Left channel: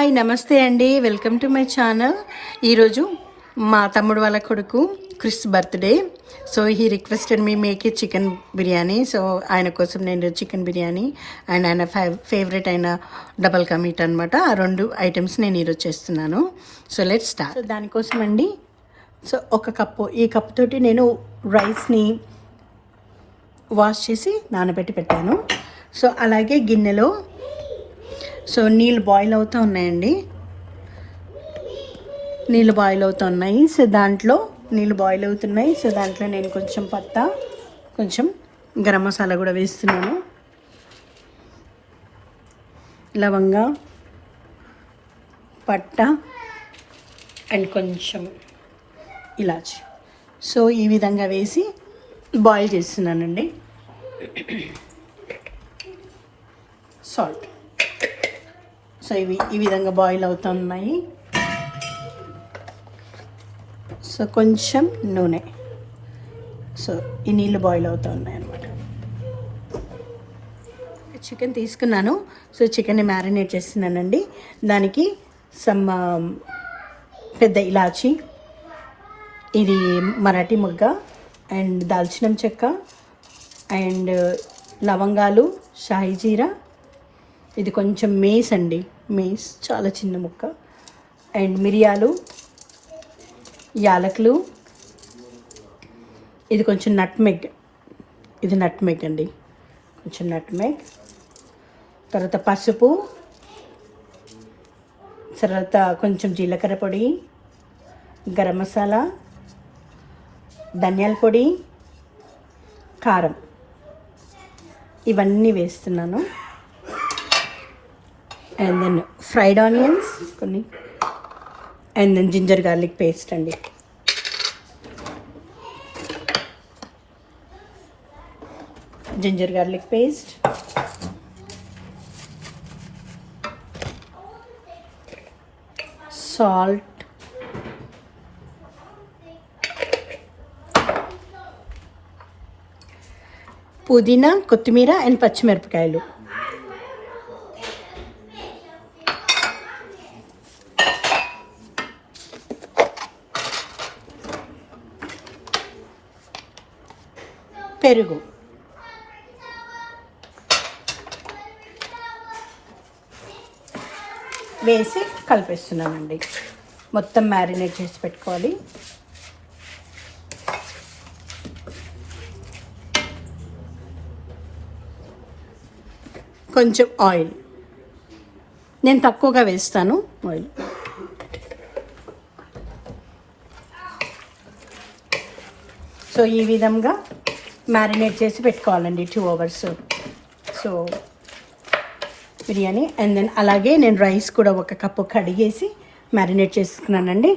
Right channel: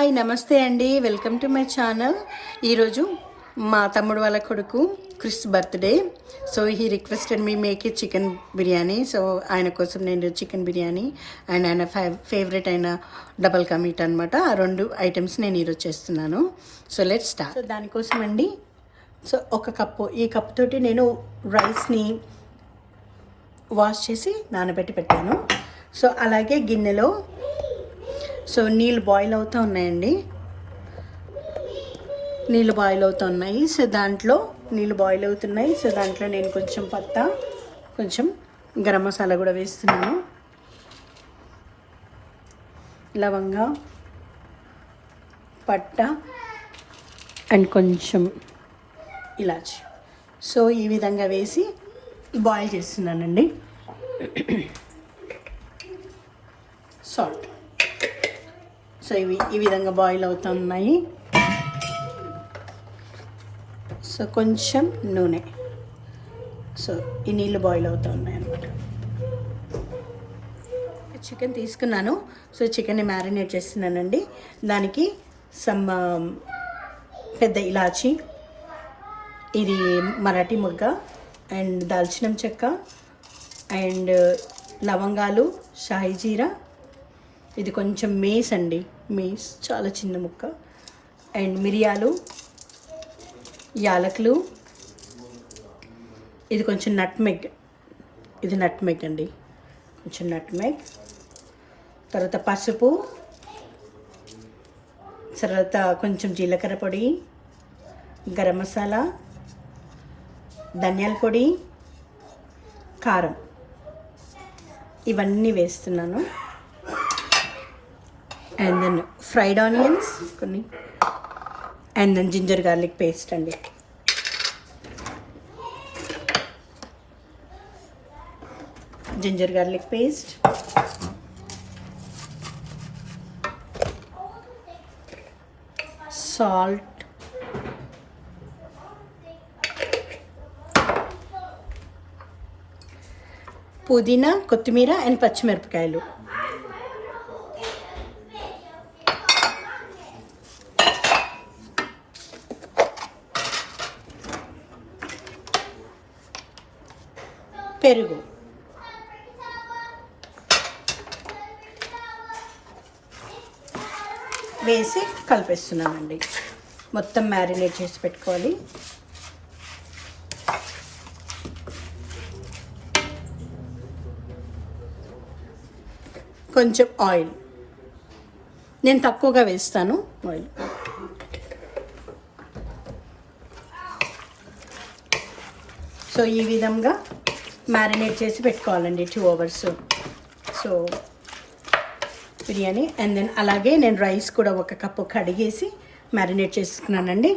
Hi నమస్తే అండి. Welcome to my channel. ఈరోజు మా తమ్ముడు వాళ్ళ కొడుకు Chris birthday. So he requested me make a chicken biryani. So ఆయన కోసం నేను చికెన్ బిర్యానీ అండ్ ఆయన ఫేవరెట్ అయిన డబల్ కా మీట్ అనమాట ఆ రెండు ఐటమ్స్ నేను ఈరోజు చేస్తున్నాను. So let start. సో దానికోసం అండి. సో ఒక కప్పు. ఈ కప్పు తోటి నేను రైస్ని వాష్ చేసి నానబెట్టి పెట్టాను. సో అలాగే గిన్నెలో సో నీళ్ళు బాయిల్ అవుతూ ఉన్నాయండి. నీళ్ళు బాయిల్ అవుతున్నాయి సో దాంట్లో నీళ్ళు బాయిల్ అవుతున్నాయి. సో దాంట్లో నేను కొంచెం పత్త కొంచెం గరం మసాలా కూడా వేస్తున్నాను. లవంగా పట్ట అండ్ కొంచెం ఇలాచి. సో ఈ విధంగా వేసి బాయిల్ చేస్తున్నానండి. సాల్ట్. సో ఇవి ఈ విధంగా బాయిల్ అవుతున్నాయి. సో కొంచెం నూనె. సో ఈ నీళ్ళు బాయిల్ అవుతూ ఉన్నాయి అనమాట చికెన్ తీసుకున్నాను. సో చికెన్ని మ్యారినేట్ చేస్తున్నానండి. దానికి సమ్ పెద్ద ఇలాచి ఇది మరాఠీ మొగ్గ అండ్ దాల్చినం చెక్క అండ్ లవంగాలు షాయి జీరా. ఇది కొంచెం మేస్ అండి. మేస్ చాలా చిన్న ముక్క. అండ్ మిరియాలు యాలకులు. ఇది కొంచెం నట్మెగ్ ఇది నట్మెగ్ అండి. కొంచెం నట్మెగ్ తర్వాత పసుపు. తర్వాత కొంచెం జీలకర్ర పొడి గరం మసాలా ధనియాల పొడి కారం. ఇవన్నీ వేస్తున్నాను. అండ్ దెన్ ఫ్రైడ్ ఆనియన్స్ కొన్ని. And then ginger garlic paste అండి. జింజర్ గార్లిక్ పేస్ట్ సాల్ట్ పుదీనా కొత్తిమీర అండ్ పచ్చిమిరపకాయలు. పెరుగు. వేసి కలిపేస్తున్నానండి మొత్తం మ్యారినేట్ చేసి పెట్టుకోవాలి. కొంచెం ఆయిల్. నేను తక్కువగా వేస్తాను ఆయిల్. సో ఈ విధంగా మ్యారినేట్ చేసి పెట్టుకోవాలండి two hours so biryani and then అలాగే నేను రైస్ కూడా ఒక కప్పు కడిగేసి మ్యారినేట్ చేసుకున్నానండి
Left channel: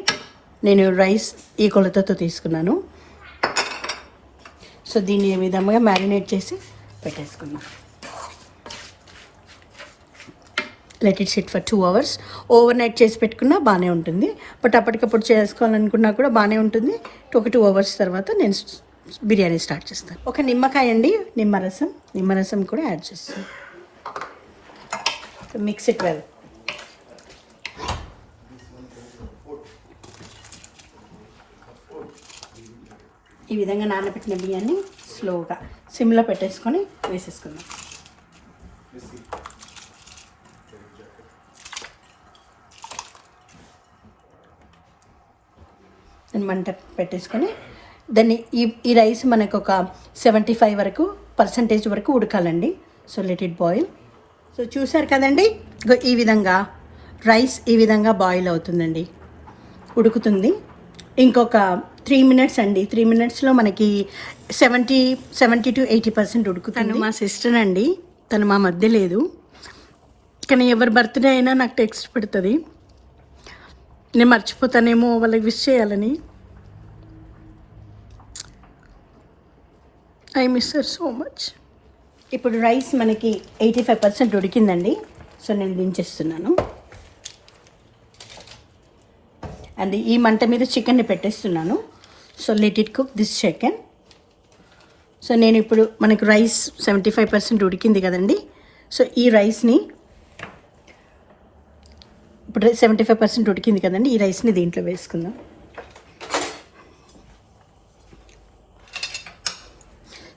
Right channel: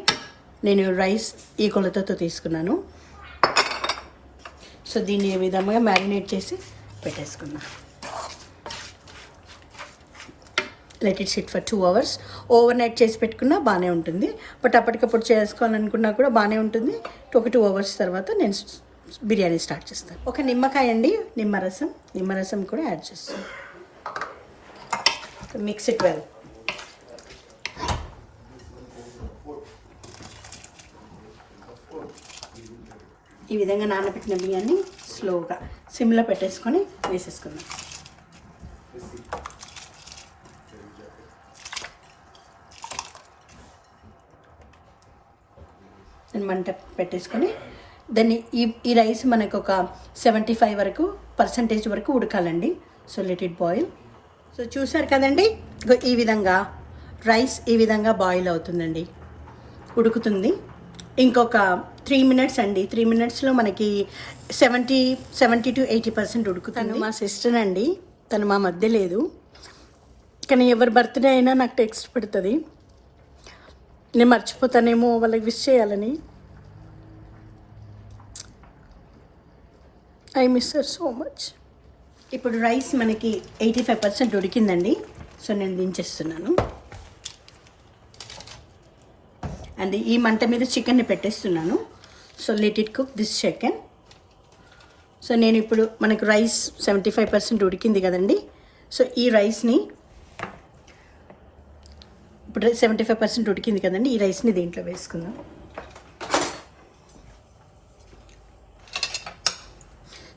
నేను రైస్ ఈ కొలతతో తీసుకున్నాను. సో దీన్ని ఈ విధంగా మ్యారినేట్ చేసి పెట్టేసుకున్నాను let it sit for two hours overnight చేసి పెట్టుకున్నా బాగానే ఉంటుంది. బట్ అప్పటికప్పుడు చేసుకోవాలనుకున్నా కూడా బాగానే ఉంటుంది. ఒక టూ అవర్స్ తర్వాత నేను బిర్యానీ స్టార్ట్ చేస్తాను. ఒక నిమ్మకాయ అండి నిమ్మరసం నిమ్మరసం కూడా యాడ్ చేస్తాను. మిక్స్ ఇట్ వెల్ ఈ విధంగా నానబెట్టిన బియ్యాన్ని స్లోగా సిమ్లో పెట్టేసుకొని వేసేసుకుందాం. నేను మంట పెట్టేసుకొని దాన్ని ఈ ఈ రైస్ మనకు ఒక సెవెంటీ ఫైవ్ వరకు పర్సంటేజ్ వరకు ఉడకాలండి. So let it boil so చూసారు కదండి? ఈ విధంగా రైస్ ఈ విధంగా బాయిల్ అవుతుందండి. ఉడుకుతుంది. ఇంకొక త్రీ మినిట్స్ అండి. త్రీ మినిట్స్లో మనకి seventy seventy to eighty percent ఉడుకుతుంది. మా సిస్టర్ అండి. తను మా మధ్య లేదు. కానీ ఎవరి బర్త్డే అయినా నాకు టెక్స్ట్ పెడుతుంది. నేను మర్చిపోతానేమో వాళ్ళకి విష్ చేయాలని. I miss her so much ఇప్పుడు రైస్ మనకి ఎయిటీ ఫైవ్ పర్సెంట్ ఉడికిందండి సో నేను దించేస్తున్నాను. అండ్ ఈ మంట మీద చికెన్ని పెట్టేస్తున్నాను. So let it cook this chicken so నేను ఇప్పుడు మనకు రైస్ సెవెంటీ ఫైవ్ పర్సెంట్ ఉడికింది కదండి. సో ఈ రైస్ని ఇప్పుడు సెవెంటీ ఫైవ్ పర్సెంట్ ఉడికింది కదండి. ఈ రైస్ని దీంట్లో వేసుకుందాం.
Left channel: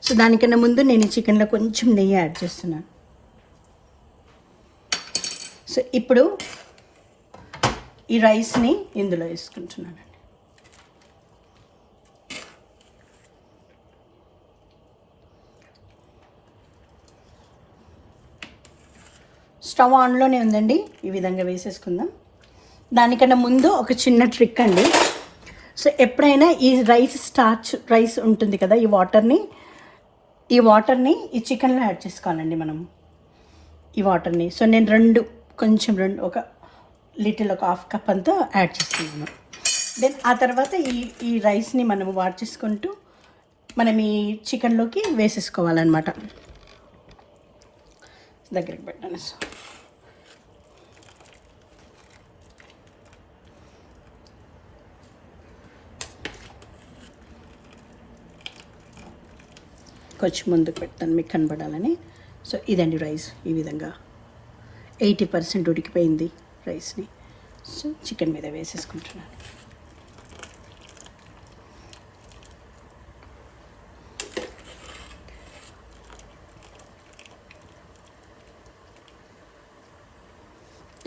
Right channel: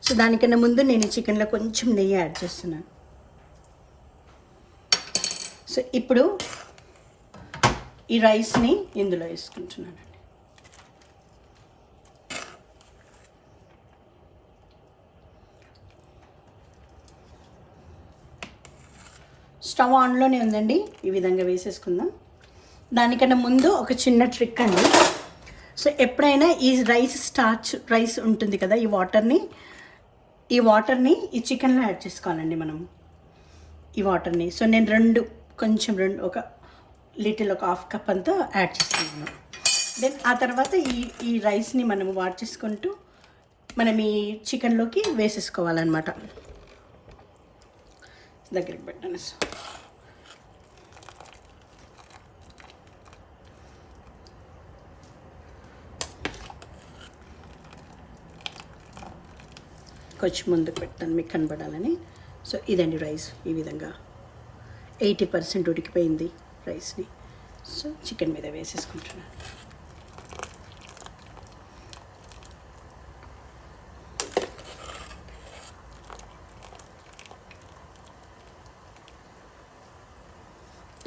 సో దానికన్నా ముందు నేను చికెన్లో కొంచెం నెయ్యి యాడ్ చేస్తున్నాను. సో ఇప్పుడు ఈ రైస్ని ఇందులో వేసుకుంటున్నాను స్టవ్ ఆన్లోనే ఉందండి. ఈ విధంగా వేసేసుకుందాం. దానికన్నా ముందు ఒక చిన్న ట్రిక్ అండి. సో ఎప్పుడైనా ఈ రైస్ స్టార్చ్ రైస్ ఉంటుంది కదా ఈ వాటర్ని ఈ వాటర్ని ఈ చికెన్లో యాడ్ చేసుకోవాలండి మనం. ఈ వాటర్ని. సో నేను రెండు కొంచెం రెండు ఒక లిటిల్ ఒక హాఫ్ కప్ అంతా యాడ్ చేసుకున్నాను దెన్ ఆ తర్వాత ఈ ఈ రైస్ని మనం వాడ్ చేసుకుంటూ మనం ఈ చికెన్లోకి వేసేసుకోవాలన్నమాట. దగ్గరికి పెట్టాను సో కొంచెం ముందు పెడతాను మీకు కనబడాలని. సో ఇదండి రైస్ ఈ విధంగా. ఎయిటీ పర్సెంట్ ఉడికిపోయింది రైస్ని. సో చికెన్ మీద వేసేసుకుంటున్నాను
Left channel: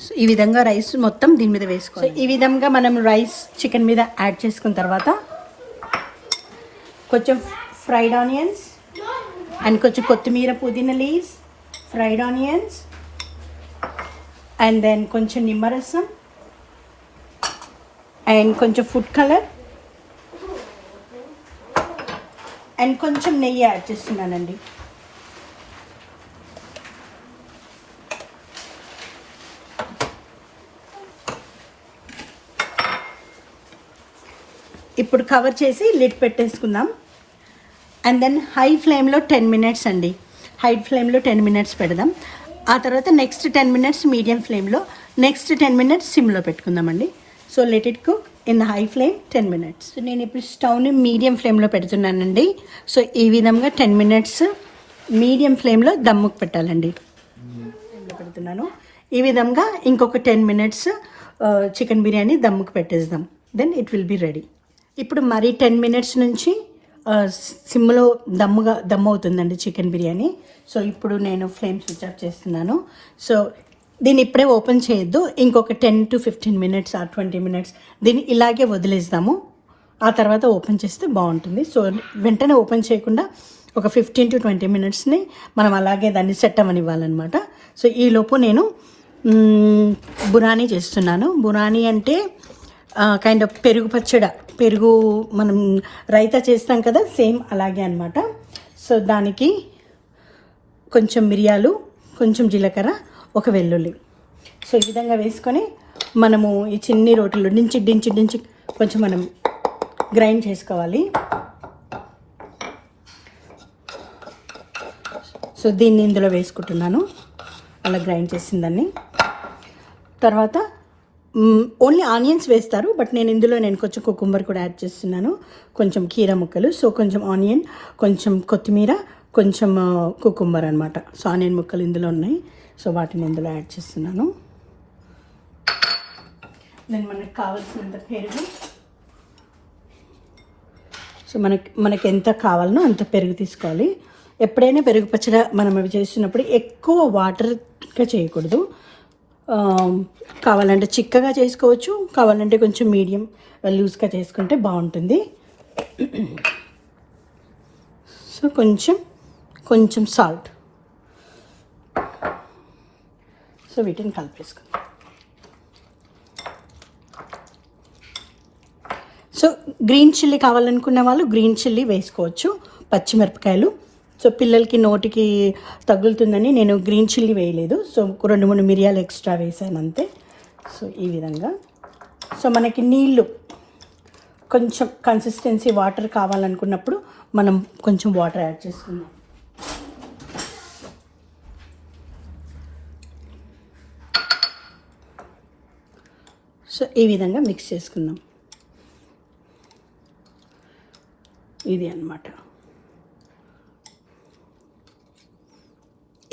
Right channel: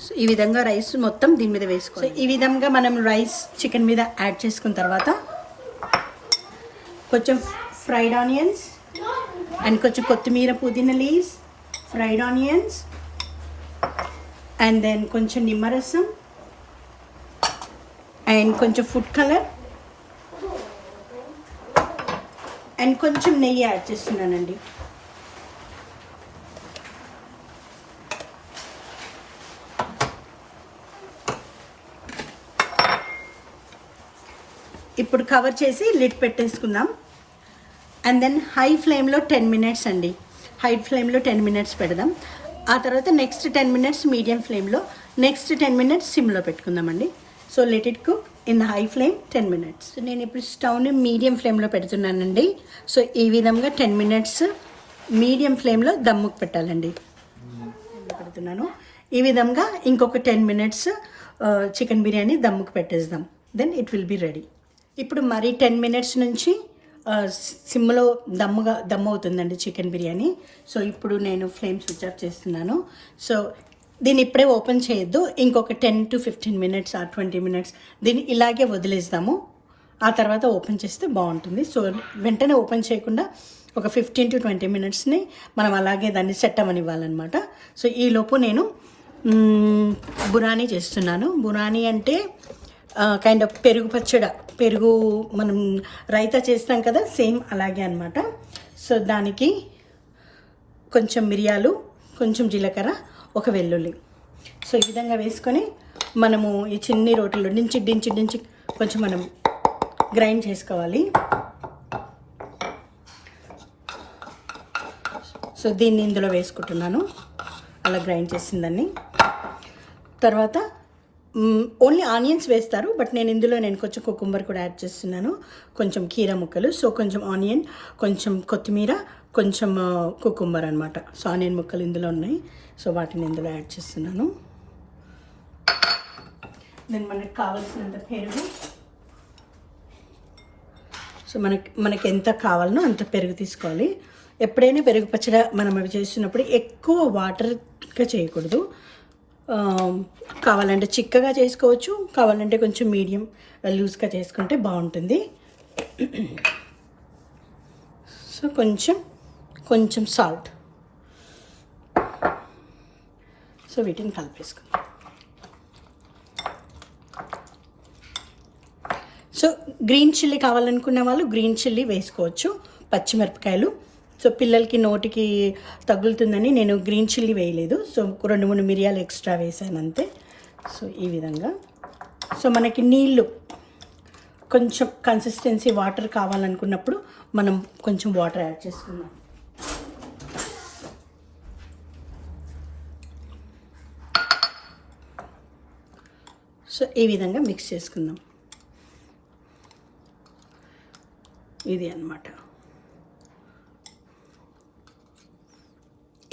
సో ఈ విధంగా రైస్ మొత్తం దీని మీద వేసుకోవాలి. ఈ విధంగా మనం రైస్ చికెన్ మీద యాడ్ చేసుకున్న తర్వాత కొంచెం ఫ్రైడ్ ఆనియన్స్ అండ్ కొంచెం కొత్తిమీర పుదీనా leaves fried onions and then కొంచెం నిమ్మరసం అండ్ కొంచెం ఫుడ్ కలర్ అండ్ కొంచెం నెయ్యి యాడ్ చేస్తున్నానండి. ఇప్పుడు కవర్ చేసి లిడ్ పెట్టేసుకుందాం. అండ్ దెన్ హై ఫ్లేమ్లో టెన్ మినిట్స్ అండి. హై ఫ్లేమ్లో టెన్ మినిట్స్ పెడదాం. ఆ తర్వాత నెక్స్ట్ టెన్ మినిట్స్ మీడియం ఫ్లేమ్లో నెక్స్ట్ టెన్ మినిట్స్ సిమ్లో పెట్టుకుందామండి. So let it cook in the high flame ten minutes నేను ఇప్పుడు స్టవ్ని మీడియం ఫ్లేమ్లో పెడుతున్నానండి. సో ఈ విధంగా టెన్ మినిట్స్ మీడియం ఫ్లేమ్లో దమ్ముకు పెట్టాలండి. పెడుతున్నాను. ఈ విధంగా ఇంకొక టెన్ మినిట్స్ చికెన్ బిర్యానీ దమ్ముకు పెట్టేద్దాం. Then it will be ready ఇప్పుడు మరీ టెన్ మినిట్స్ నుంచి సిమ్లో దమ్ముగా దమ్ అవుతుందండి చికెన్ బిర్యానీ. సో ఇప్పుడు నేను ఫ్లేమ్ స్విచ్ ఆఫ్ చేస్తున్నాను. సో దీన్ని ఇప్పుడే ఓపెన్ చేయొద్దు. ఇంకొక టెన్ టు ఫిఫ్టీన్ మినిట్స్ ఆ ట్వంటీ మినిట్స్ దీన్ని ఇలాగే వదిలేస్తాము ఆ తర్వాత ఓపెన్ చేస్తే బాగుంటుంది. సో వెంటనే ఓపెన్ చేయకుండా ఒక ఫిఫ్టీన్ టు ట్వంటీ మినిట్స్ని మనం అలాగే దాన్ని సెట్ అవ్వనివ్వాలన్నమాట. సో ఈలోపు నేను బురానీ చేస్తున్నాను. బురానీ అంటే కైండ్ ఆఫ్ పెరుగు పచ్చడ. పెరుగు మనం రైతా చేస్తాం కదా సేమ్ అలాగే అనమాట సో దానికి కొంచెం మిరియాలు కొంచెం జీలకర్ర ఒక వెల్లుల్లి. సో ఈ విధంగా వేసుకొని మనము ఈ చిన్ని రోటీలు డించి డించి డించి కొంచెం మనం గ్రైండ్ చేసుకోవాలి. సో దీన్ని ఇందులో వేసుకుంటున్నాను. అలా గ్రైండ్ చేసిందాన్ని తర్వాత ఓన్లీ ఆనియన్స్ వేస్తారు బట్ నేను ఇందులో నేను కొంచెం కుకుంబర్ కూడా యాడ్ చేస్తున్నాను. కొంచెం కీర ముక్కలు సో కొంచెం ఆనియన్ కొంచెం కొత్తిమీర కొంచెం కుకుంబర్ అనమాట సో ఆనియన్ ముక్కలు ఇందులో ఉన్నాయి. సో వాటిని ఇందులో యాడ్ చేస్తున్నాను. దెన్ మనకి కావాల్సినంత పెరుగు. సో మనకి మనకి ఎంత కావాలనో అంత పెరుగు తీసుకోవాలి. ఎప్పుడైనా పెరుగు పచ్చడి మనం అవి చేస్తున్నప్పుడు ఎక్కువ వాటర్గా చేయకూడదు. కావాలంటే చిక్కగా చేసుకోవచ్చు కావాలంటే కొంచెం మీడియం లూజ్గా చేసుకుంటే బాగుంటుంది. సో కొంచెం కొంచెం సాల్ట్ సో వీటిని కలిపేసుకుందాం. సో గ్రీన్ చిల్లీ కావాలనుకున్న వాళ్ళు గ్రీన్ చిల్లీ వేసుకోవచ్చు పచ్చిమిరపకాయలు. సో పిల్లలకి నోటికి తగులుతుందని నేను గ్రీన్ చిల్లీ వేయలేదు. సో రెండు మూడు మిరియాలు ఎక్స్ట్రా వేసాను అంతే. సో ఈ విధంగా. సో మనకి నీళ్ళు కొంచెం కన్సిస్టెన్సీ వాటర్ కావాలనుకున్నప్పుడు మనం కొంచెం వాటర్ యాడ్ చేసుకుందాం. సో ఈ విధంగా మిక్స్ చేసుకుందాం. ఇది అన్నమాట.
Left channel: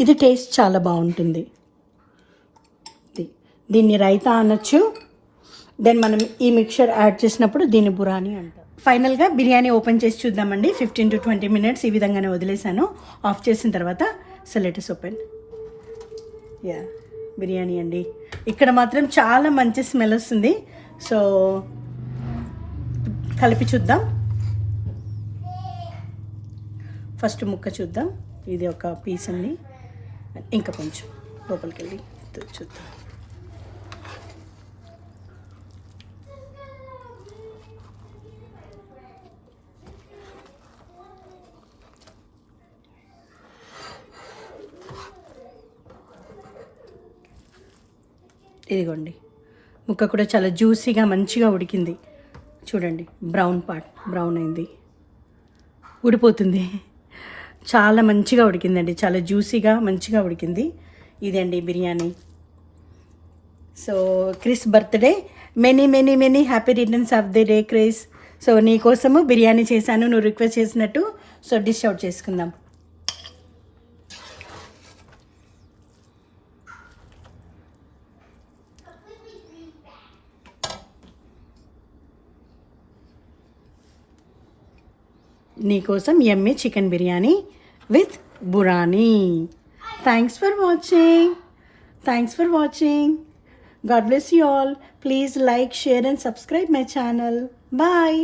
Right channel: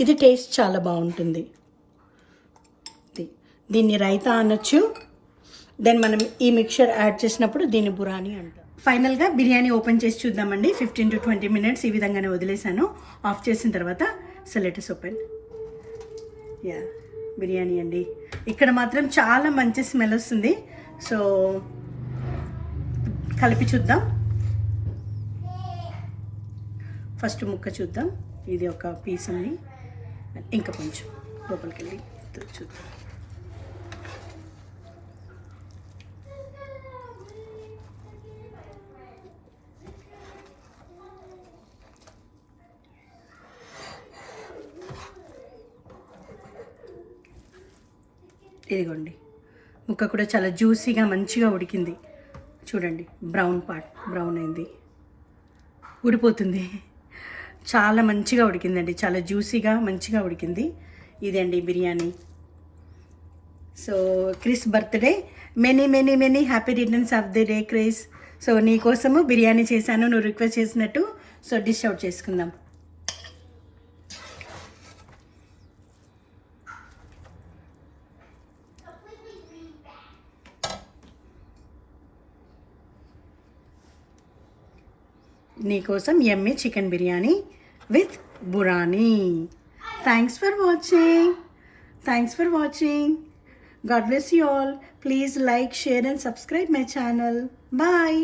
ఇది టేస్ట్ చాలా బాగుంటుంది. దీన్ని రైతా అనొచ్చు. దెన్ మనం ఈ మిక్చర్ యాడ్ చేసినప్పుడు దీన్ని బురాని అంటాం. ఫైనల్గా బిర్యానీ ఓపెన్ చేసి చూద్దామండి. ఫిఫ్టీన్ టు ట్వంటీ మినిట్స్ ఈ విధంగానే వదిలేసాను ఆఫ్ చేసిన తర్వాత సెలెటస్ ఓపెన్ యా బిర్యానీ అండి. ఇక్కడ మాత్రం చాలా మంచి స్మెల్ వస్తుంది. సో కలిపి చూద్దాం. ఫస్ట్ ముక్క చూద్దాం. ఇది ఒక పీస్ అండి. ఇంకా కొంచెం లోపలికి వెళ్ళి చూద్దాం. ఇదిగోండి. ముక్క కూడా చాలా జ్యూసీగా మంచిగా ఉడికింది. చూడండి బ్రౌన్ పార్ట్ బ్రౌన్ అయింది. ఉడిపోతుంది చాలా మంచిగా ఉడికిందండి. చాలా జ్యూసీగా మంచిగా ఉడికింది. ఇదండి biryani. So Chris birthday. Many many many happy returns of the day Chris so నీ కోసము బిర్యానీ చేశాను. నువ్వు రిక్వెస్ట్ చేసినట్టు. సో డిష్ అవుట్ చేసుకుందాం. నీకోసం ఎమ్మె chicken biryani with burani thanks for watching thanks for watching god bless you all please like share and subscribe my channel bye